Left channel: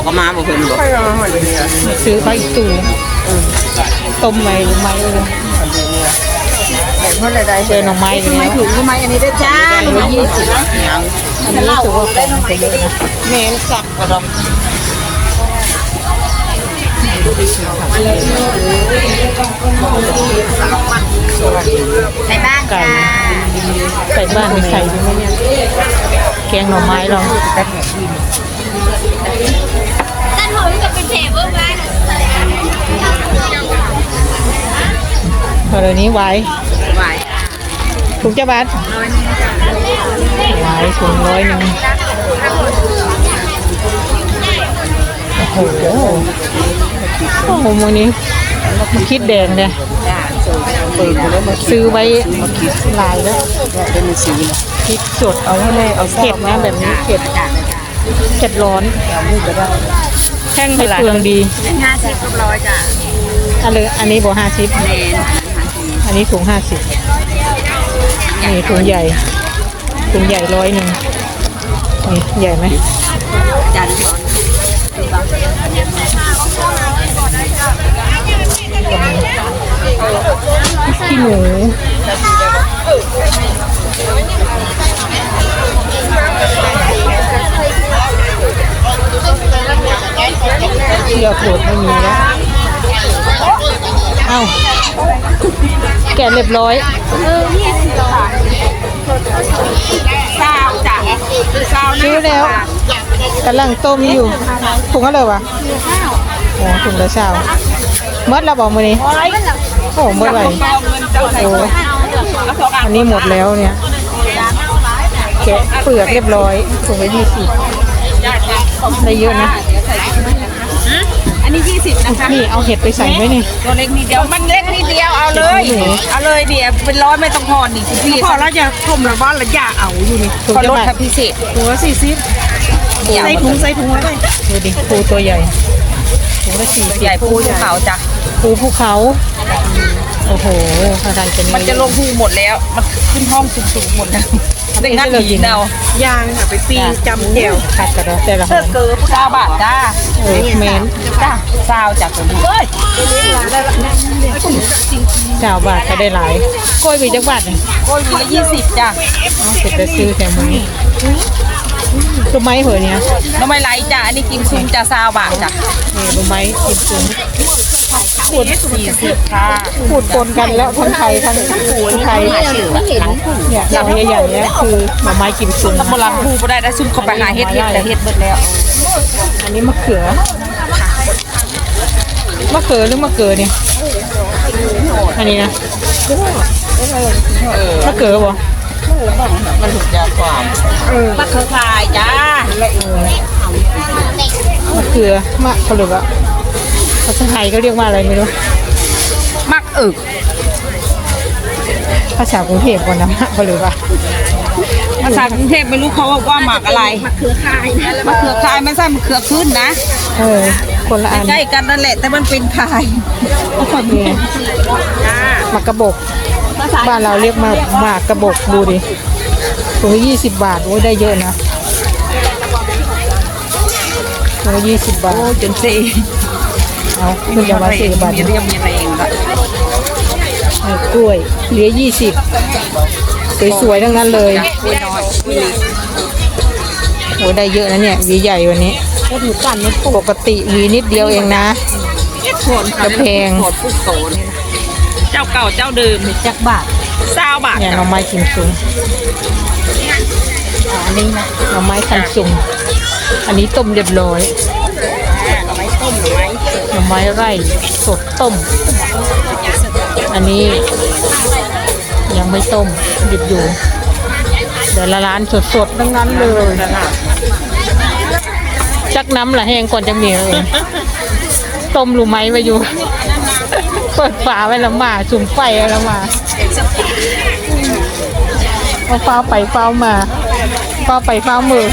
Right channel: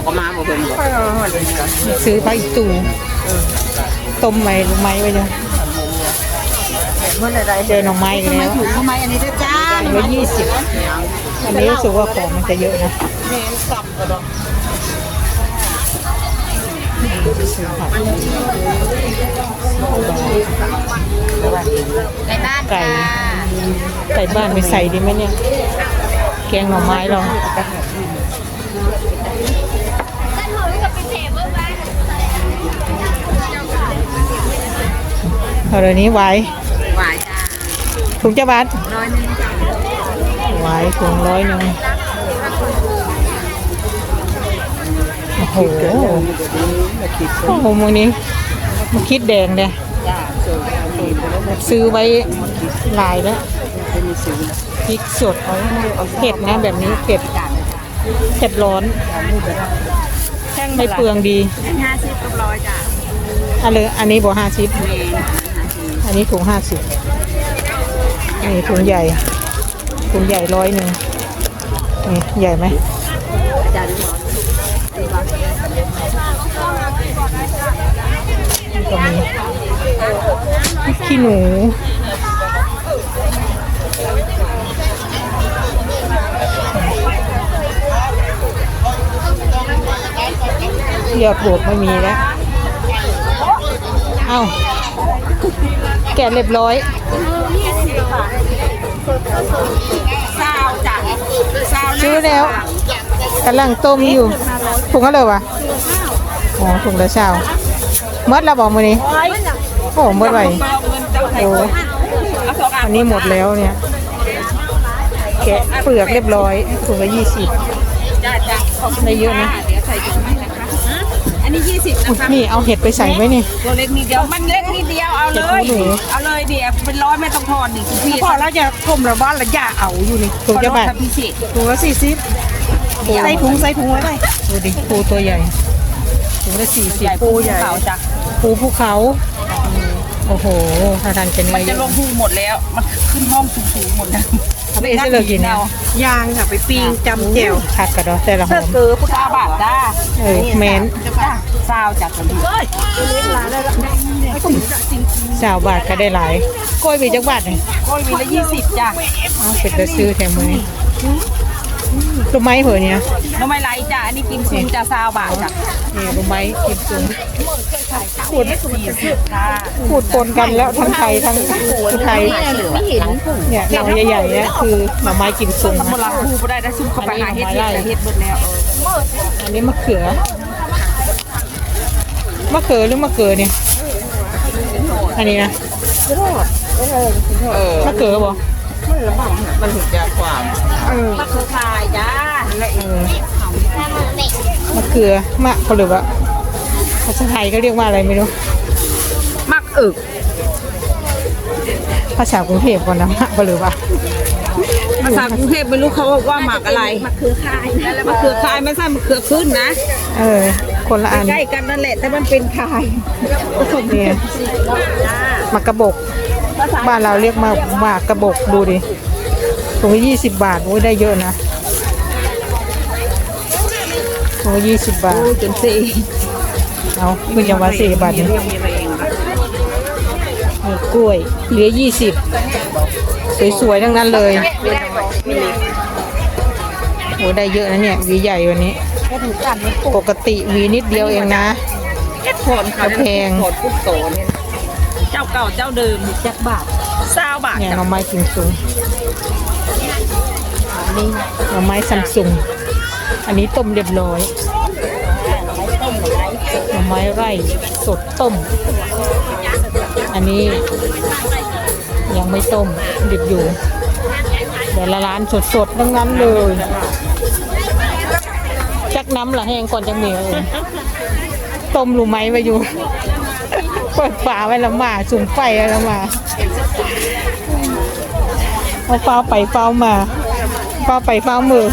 เอาก็มาบ่เพิ่นบอกซื้อไปอีกตู้ต้มใหม่ใหม่ไปเลยเมื่อไรเจอหน่อไม้แล้วถูกทำไมอันนี้ด้วยจ้าได้ยี่สิบอันนี้ถือว่าของมันจะเยอะนะแม่นสับก็ดอกในบ้านไก่ไก่บ้านมีใส่ได้ไหมเนี่ยแกงหน่อไม้เราด้านหนูจะ เป็นเทเบิลบ้านเท่าไหร่นี้ไว้ไหวถุงเจ้าบ้านไว้ถุงร้อยหนึ่งโอ้โหโอ้โหวันนี้มันคิดแดงเนี่ยจ้าส่งไปเอาปืนไปแล้วมาซื้อไว้หลายแล้วเนี่ยเป็นซื้อนะพริกสดเอาเลยเอาเผ็ดนะแบบนี้เผ็ดเผ็ดร้อนเอานี่ก็ได้ แข้งเผ็ดเท่าไหร่เปลืองดีห้าสิบกับร้อยจ้าอันเลยอันนี้บอกห้าสิบเนนอันนี้ถุงห้าสิบนี่ถุงใหญ่ถุงใหญ่ร้อยหนึ่งนี่ใหญ่ไหมจานร้อนขี้หนูเชื อกผูกไม่มีแล้วเอาแกะเรียบร้อยเศร้าจ้ะเศร้าซื้อแล้วกำลังต้มอยู่ถุงอะไรวะอ๋อถุงละเช้าเมื่อเราบอกมานี้โอ้เมื่อไหร่โอ้ันนี้หมดแล้วเนี่ยแกะเปลือกเรียบร้อยถุงละยี่สิบได้เยอะนะ สิบนะคะนี่เอาเห็ดไปใส่ไหมนี่ตัวเล็กนิดเดียวมันเล็กนิดเดียวเอาเลยเอาเลยเนี่ยเป็นร้อยไม่ต้องทอนนี่คุณพี่พอแล้วจะกลมหรือบ้านละอย่าเอาอยู่นี่ถุงก็จะลดแบบทับพิเศษถุงละสี่สิบเนี่ยใส่ถุงใส่ถุงแล้วได้ดูดิปูตัวใหญ่ถุงละสี่ตัวสิใหญ่บปูภูเขาจ้ะปูภูเขาโอ้โหทางการจะมันจะลงภูหมดแล้ว มันขึ้นห้องสูงๆหมดนะ ได้งัดหินเอายางค่ะไปปีจำแก้วขัดกันเนาะแต่ละหอมเกิบเก้าบาทจ้าเออแมนจ้าเศร้าจ้ะคุณพี่สาวบาทก็ได้หลายกล้วยมีจักบาทนี่โอ้ยวีละยี่สิบจ้ะเอาเสร็จจะซื้อแถมมือนี้รู้ไหมเหรอเนี่ยน้องไม่ไรจ้ะอันนี้กิมซุงจ้ะเศร้าบาทจ้ะนี่รู้ไหมกินจริง ขวดสี่สิบค่ะพูดปนกันแล้วทั้งไทยทั้งไทยเนี่ยอย่างใหญ่ๆเนี่ยคือหน่อไม้กิมซุงนะโบราณภูบ่ได้ได้ซุ่มเข้าไปหาเฮ็ดเฮ็ดแต่เฮ็ดเบิดแล้ว อันนี้มะเขือมะเขือหรือมะเขือเนี่ยอันนี้นะมะเขือบ่มันถูกยาความมะเขือพายจ้ามะเขือมะเขาเรียกว่าภาษาไทยก็เรียกว่าอะไรไม่รู้มักอึก ภาษากรุงเทพก่อนนะมะเขาเรียกว่าภาษากรุงเทพไม่รู้เขาว่าหมักอะไรมะเขือคายมะเขือคายไม่ใช่มะเขือขึ้นนะเออคนละอันใกล้กันนั่นแหละแต่มันเป็นคายเนี่ยมะกระบอกบ้านเราเรียกมากมากกระบอกดูดิถุงยี่สิบบาทโอ้ยได้เยอะนะ ยี่สิบบาทจนเซ่เอามีเอามาสิบบาทมีเรียมมีแรงละเออกล้วยเหลือยี่สิบสวยๆทั้งนั้นเลยไม่น้อยมีโอ้ได้เยอะนะเนี่ยหวีใหญ่วันนี้ก็ดูกันนี่ปกติหวีนิดเดียวเองนะถอนกระเพงถอนผู้สอนเจ้าเก่าเจ้าเดิมจักบาทเศร้าบาทเนี่ยหน่อไม้กิมซุงอันนี้นะหน่อไม้ซัมซุง อันนี้ต้มเรียบร้อยหน่อไม้ต้มหน่อไม้หน่อไม้ไร่สดต้ม อันนี้ยังไม่ต้มดิบอยู่ เดี๋ยวละร้านสดๆทั้งนั้นเลยจักน้ำละแห้งก่อนจะมีเลยต้มรู้ไหมมาอยู่เปิดฝาไว้แล้วมาจุ่มไฟไว้แล้วมาเอาเฝ้าไปเฝ้ามาเฝ้าไปเฝ้ามือ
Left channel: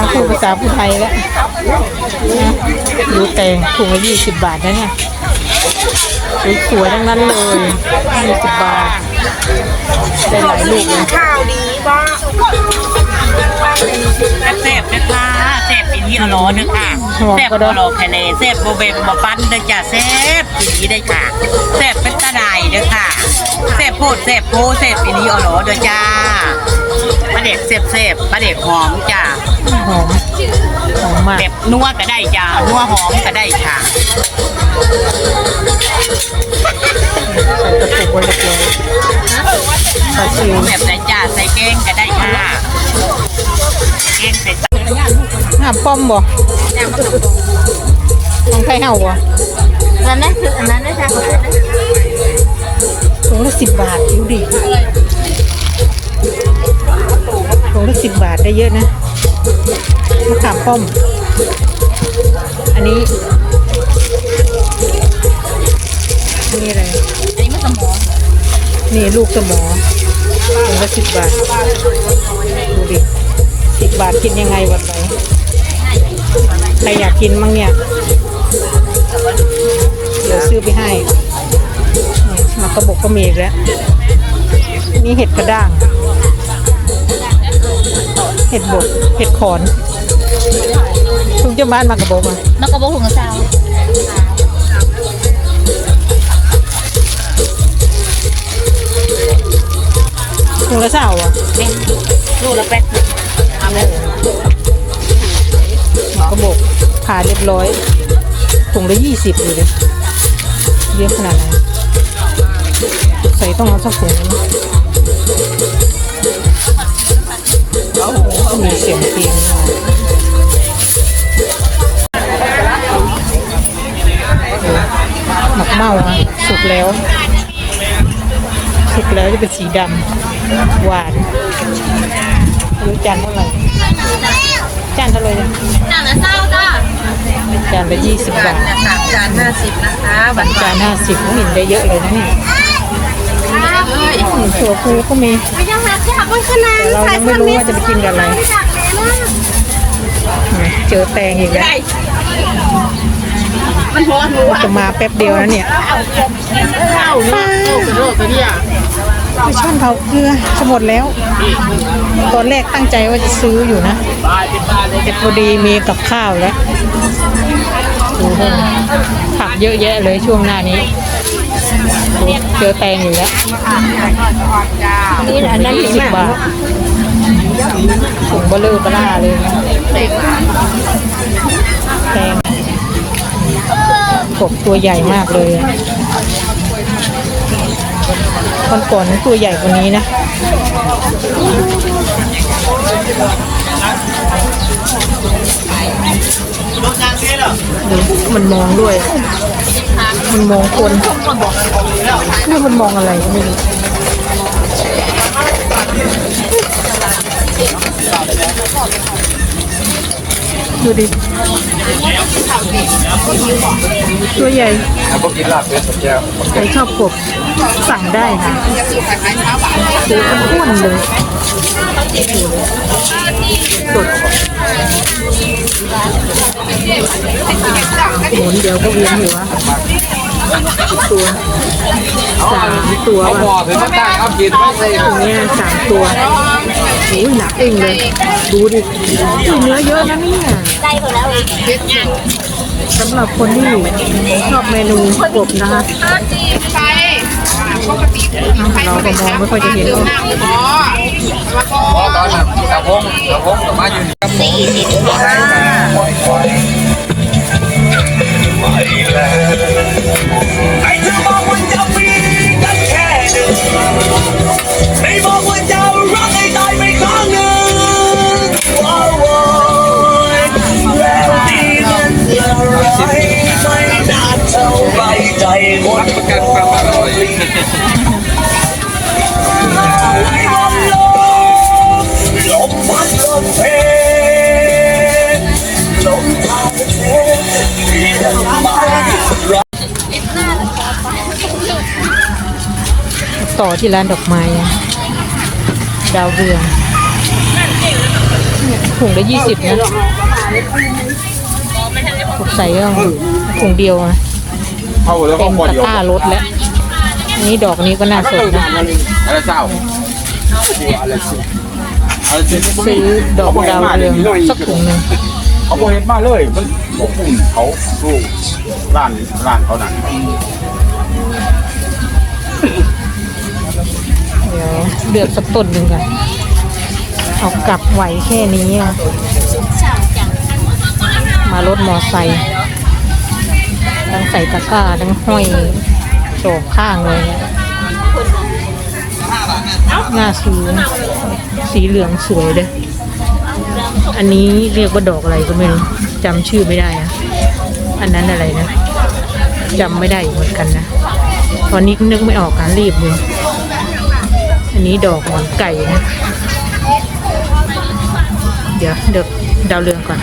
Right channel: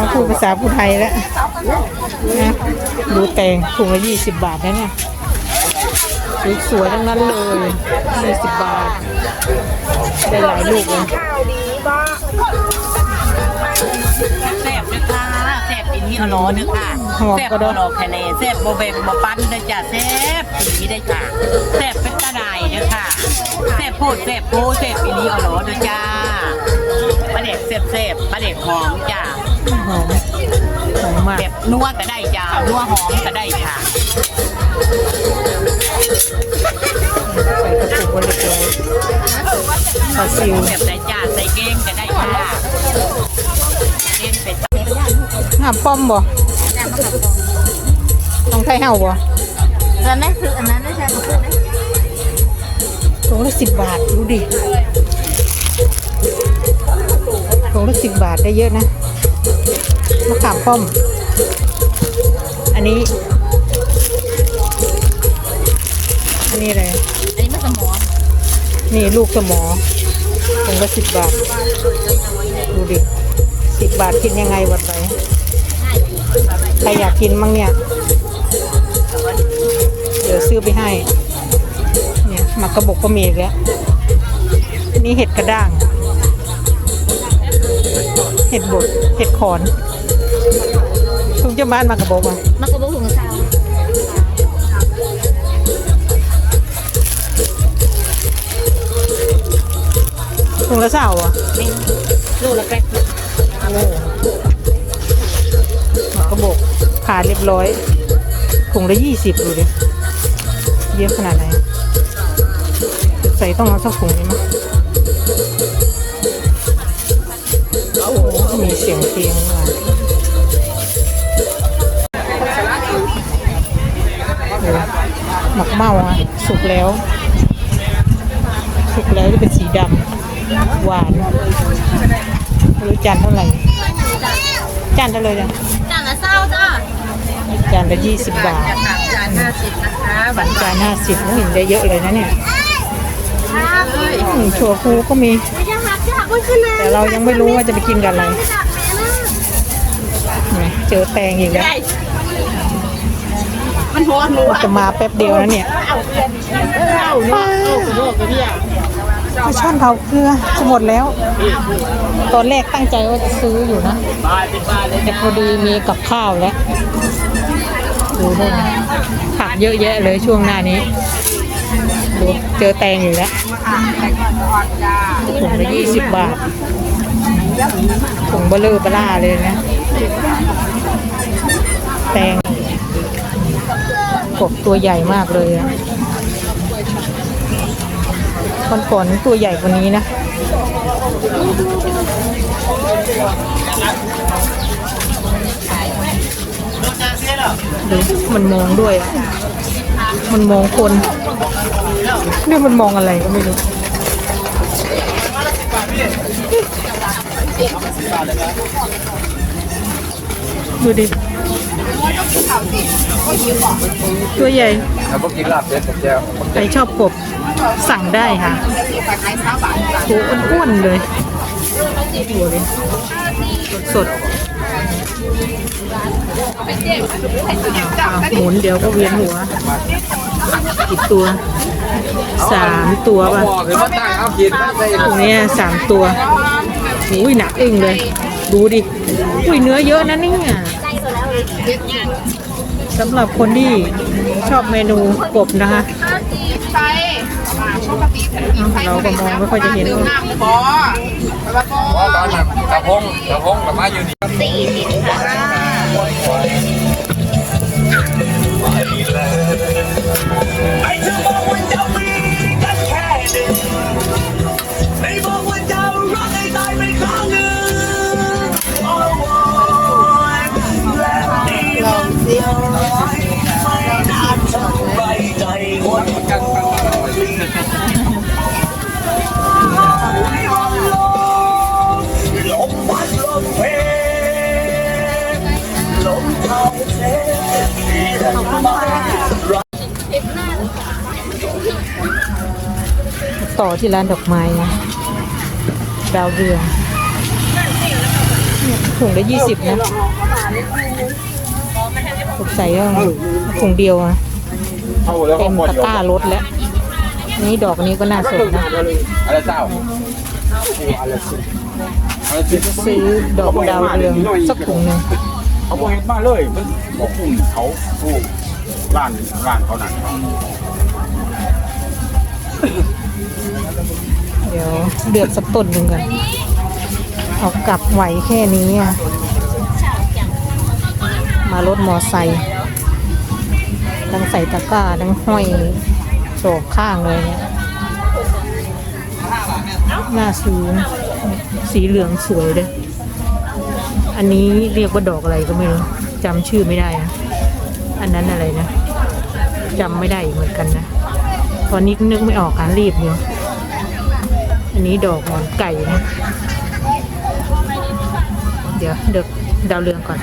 เอาพูดภาษาผู้ไทยแล้วนะดูแตงถุงละยี่สิบบาทนะเนี่ยสวยๆทั้งนั้นเลยยี่สิบบาทได้หลายลูกนะข้าวดีบ้าแซ่บนะคะแซ่บอีนี่อร่อยเด้อค่ะแซ่บบ่รอแค่เลยแซ่บบ่แบ่งบ่ปั้นเด้อจ้ะแซ่บอีนี่ได้อค่ะแซ่บเป็นตาไดเด้อค่ะแซ่บโพดแซ่บโพแซ่บอีนี่อร่อยเด้อจ้าป ลาเด็กแซ่บแซ่บปลาเด็กหอมจ้าหอมหอมมากแบบนัวก็ได้จ้านัวหอมก็ได้ค่ะใส่กระปุกไว้เลยปลาซิวแบบไหนจ้าใส่แกงก็ได้ค่ะแกงใส่งามป้อมบ่ของไทยเฮาบ่อันนั้นคืออันนั้นนะจ๊ะถุงละสิบบาทดูดิ มะขามป้อมอันนี้ อันนี้อะไร อันนี้มันสมองนี่ลูกสมอถุงละสิบบาท ดูดิสิบบาทกินยังไงวันไหนใครอยากกินมั่งเนี่ย เดี๋ยวซื้อไปให้นี่มากระบอกก็มีอีกแล้ว นี่เห็ดกระด้าง เห็ดบดเห็ดขอนทุกเจ้าบ้านมากระบอกมามันก็บอกหุงซาวถุงละเศร้าอะลูกละแปดสิบมากระบอกผ่าเรียบร้อยถุงละยี่สิบเลยดิเยอะขนาดไหนใส่ต้องเอาสักถุงนะ หมีเสียงเพลงมาหมักเมาอะสุกแล้ว สุกแล้วจะเป็นสีดำ หวานรู้จานเท่าไหร่จานเท่าไหร่จานละเศร้าจ้าจานละยี่สิบบาทจานห้าสิบนะคะบัตรจานห้าสิบหินได้เยอะเลยนะเนี่ย เอ้ยถั่วพูก็มีไม่ยังรักอยากมันขนาดเราไม่รู้ว่าจะไปกินกับอะไรเจอแตงอีกแล้วมันพอหนูอะจะมาแป๊บเดียวนะเนี่ยไปช่อนเผาเกลือจะหมดแล้ว ตอนแรกตั้งใจว่าจะซื้ออยู่นะ แต่พอดีมีกับข้าวแล้วผักเยอะแยะเลยช่วงหน้านี้ เจอแตงอีกแล้วนี่อันนั้นหิสิบมะบาทเบลเลอร์บล่าเลยนะแตงกบตัวใหญ่มากเลยอะตอนก่อนตัวใหญ่กว่านี้นะดูมั มันมองด้วย มันมองคนเรื่องมันมองอะไรไม่รู้ดูดิตัวใหญ่ใครชอบกบสั่งได้ค่ะอ้วนเลยสด หมุนเดี๋ยวก็เวียนหัวตัวสามตัวว่ะเนี่ยสามตัวอุ้ยหนักเองเลยดูดิอุ้ยเนื้อเยอะนะเนี่ยสำหรับคนที่ชอบเมนูกบนะคะเราไปมองไม่ค่อยจะเห็นเพราะตอนนั้นตะพงตะพงกับมาอยู่ ที่ไที่ร้านดอกไม้อะดาวเรืองถุงละยี่สิบนะถูกใส่ก็ถุงเดียวนะเข้าแล้วเต็ก็มพอตะเดียวกร้ารถแล้วนี่ดอกนี้ก็น่าสนนะอะไรเจ้าอะไรที่บ่มีซื้อดอกเขาบ่เห็นดาวมาเรืเดี๋ยวองนี้น้อยสักถุงหนึงเขาบ่เห็นมาเลยมันบ่ปุ่มเขาลูกร้านร้านเขานั่น เดือกสักต้นหนึ่งอะเอากลับไหวแค่นี้อะมารถมอไซค์ทั้งใส่ตะกร้าทั้งห้อยสอบข้างเลยหน้าซื้อสีเหลืองสวยเลยอันนี้เรียกว่าดอกอะไรก็ไม่รู้จำชื่อไม่ได้อะอันนั้นอะไรนะจำไม่ได้เหมือนกันนะ ตอนนี้นึกไม่ออกการรีบอยู่ อันนี้ดอกหมอนไก่นะ เดี๋ยวเดี๋ยวดาวเรืองก่อน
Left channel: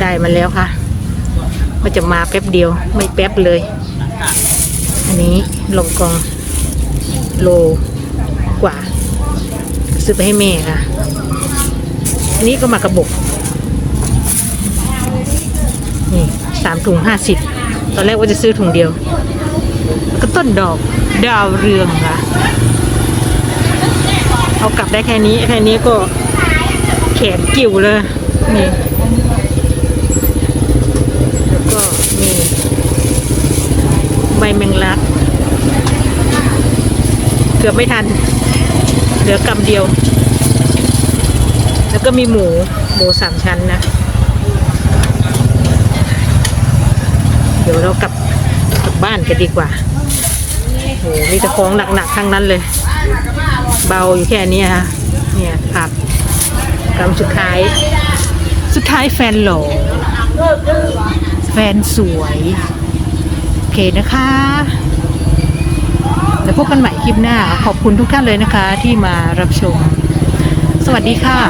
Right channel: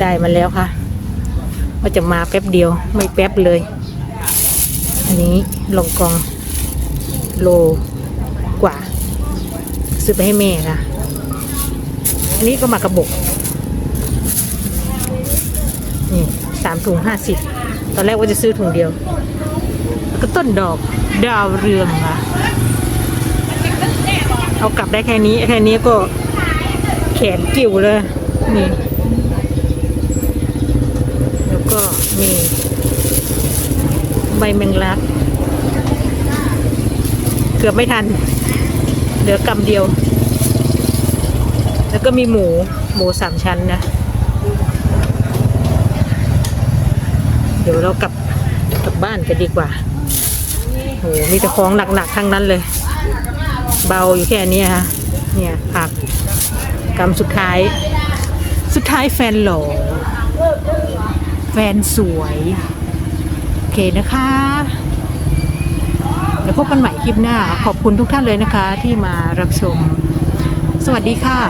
ได้มาแล้วค่ะมันจะมาแป๊บเดียวไม่แป๊บเลย อันนี้ลองกองโลกว่าซื้อไปให้แม่นะอันนี้ก็มากระบอกนี่สามถุงห้าสิบตอนแรกว่าจะซื้อถุงเดียว ก็ต้นดอกดาวเรืองละเอากลับได้แค่นี้ แค่นี้ก็แขนกิ่วเลย นี่ แล้วก็มีใบแมงลัก เกือบไม่ทัน เหลือกำเดียว แล้วก็มีหมู หมูสามชั้นนะ เดี๋ยวเรากลับบ้านกันดีกว่า มีแต่ของหนักๆ ทั้งนั้นเลย เบาอยู่แค่นี้ฮะเนี่ยครับกำสุดท้าย สุดท้ายแฟนหล่อแฟนสวยโอเคนะคะแล้วพบกันใหม่คลิปหน้า ขอบคุณทุกท่านเลยนะคะที่มารับชม สวัสดีค่ะ